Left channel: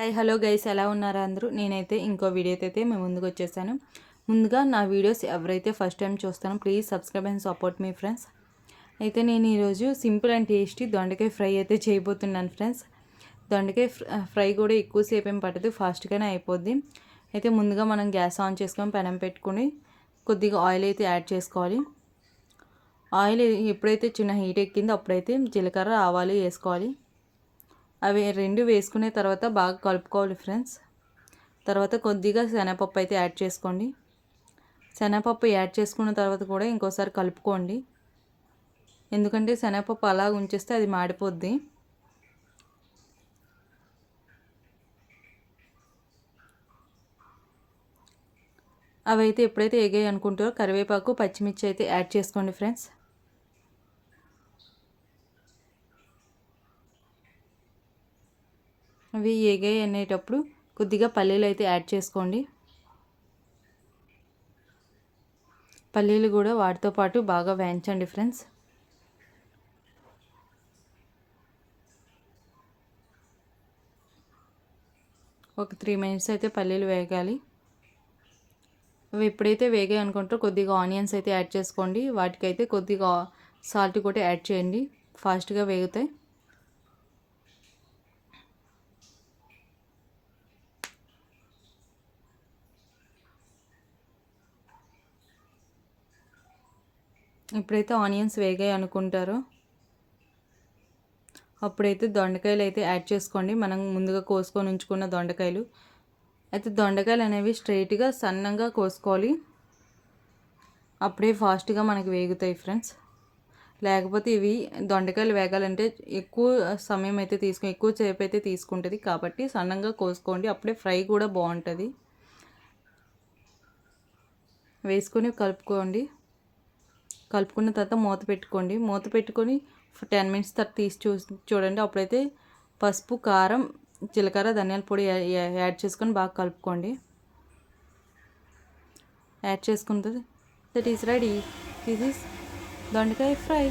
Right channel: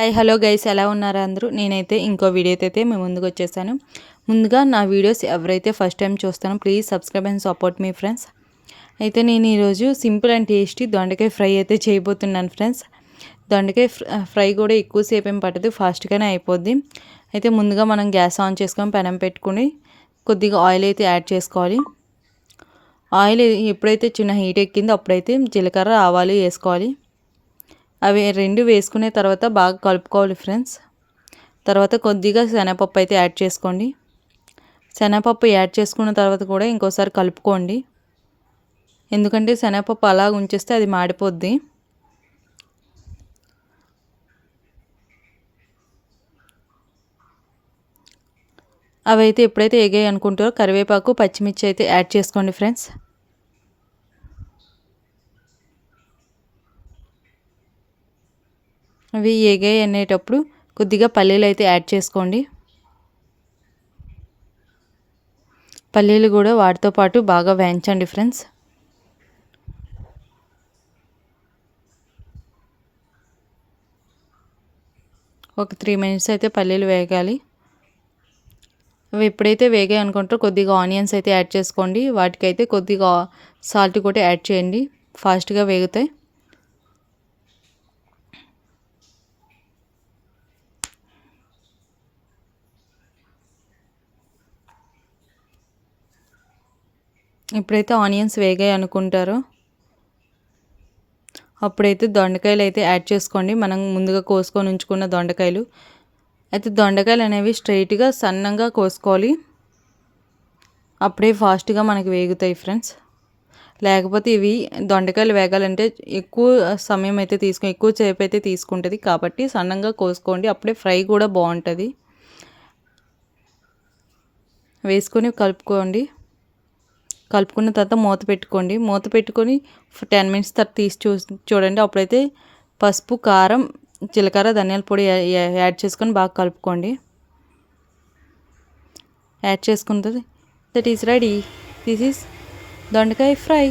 Hi hello guys, ఎలా ఉన్నారు అందరూ? నేనైతే ఇంకో వీడియోతో అయితే మేము ముందుకు వచ్చేసాను. ముందుగా నా వీడియోస్ ఎవరైతే ఫస్ట్ టైం చూస్తానో ప్లీజ్ సబ్స్క్రైబ్ అండ్ సపోర్ట్ మీ ఫ్రెండ్స్. అయితే నేను ఈరోజు సింపుల్ అండ్ టేస్టీ దొండకాయ ఫ్రై అయితే చేయబోతున్నాను ఫ్రెండ్స్. దొండకాయ ఫ్రై కూడా ఎక్కువసేపు ఏం పట్టదు, ఫాస్ట్గానే అయిపోద్ది. అయితే ముందుగా మనం గ్యాస్ ఆన్ చేసుకొని పెనం పెట్టుకుని కొద్దిగా ఆయిల్ అయితే యాడ్ చేసుకోవాలి. ఆయిల్ ఎప్పుడైతే చిన్న హీట్ ఎక్కిందో అప్పుడైతే జీలకర్ర ఆవాలు వేసుకోవాలి. అవి రెండు వేసుకునే తర్వాత బాగా కలుపుకోవాలి ఫ్రెండ్స్. తర్వాత కొద్దిగా శనగపప్పు అయితే యాడ్ చేసుకోండి. శనగపప్పు యాడ్ చేసుకున్న తర్వాత కూడా ఇంకోసారి కలుపుకోండి, ఎందుకంటే శనగపప్పు అలా ఉంచేస్తే అది మాడిపోద్ది. అవి అయితే ఎప్పుడైతే ఎగాయి అనుకుంటారో కరివేపాకు పచ్చిమిర్చి అయితే యాడ్ చేసుకోండి ఫ్రెండ్స్. అవి ఎగాయి అనేటప్పుడు కొద్దిగా పల్లీలు అయితే యాడ్ చేసుకోండి. పల్లీలు కూడా వాటితో పాటు బాగా వేయించండి ఫ్రెండ్స్. ఒక 3 మినిట్స్ అయితే పల్లీలు వేగాలి. అవి ఎప్పుడైతే వేగాయి అనుకుంటారో కొద్దిగా ఆనియన్స్ అయితే యాడ్ చేసుకోండి. వాటికైతే కొద్దిగా సాల్ట్ కూడా యాడ్ చేయండి, ఫాస్ట్గా వేగుతాయి. ఎప్పుడైతే ఆనియన్స్ వేగాయి అనుకుంటారో అప్పుడైతే దొండకాయలు అయితే యాడ్ చేసుకోండి, మనం ముందుగా కోసుకొని ఉంచుకున్న దొండకాయలు. అయితే దొండకాయలు అనేవి స్ట్రైట్గా సన్నంగా కోసుకోవాలి, అప్పుడే ఫాస్ట్గా మనకి వేగుతాయి ఫ్రెండ్స్. లేకపోతే ఇవి దొండకాయలు వేగాలంటే ఎక్కువ సమయం అయితే ఎక్కువ సేపు అయితే తీసుకుంటుంది, కాబట్టి సన్నంగా కోసుకోండి, అప్పుడే ఫ్రై కూడా బాగుంటుంది. వేసుకొని కలుపుకున్న తర్వాత మూత పెట్టుకోండి. మూత పెట్టుకొని 10 మినిట్స్ తర్వాత తీసి చూడండి. అప్పుడైతే పసుపు, కారం, జీలకర్ర, ధనియాల పొడి యాడ్ చేసుకొని బాగా కలుపుకోండి. యాడ్ చేసుకున్న తర్వాత that is ready. This is దొండకాయ ఫ్రై.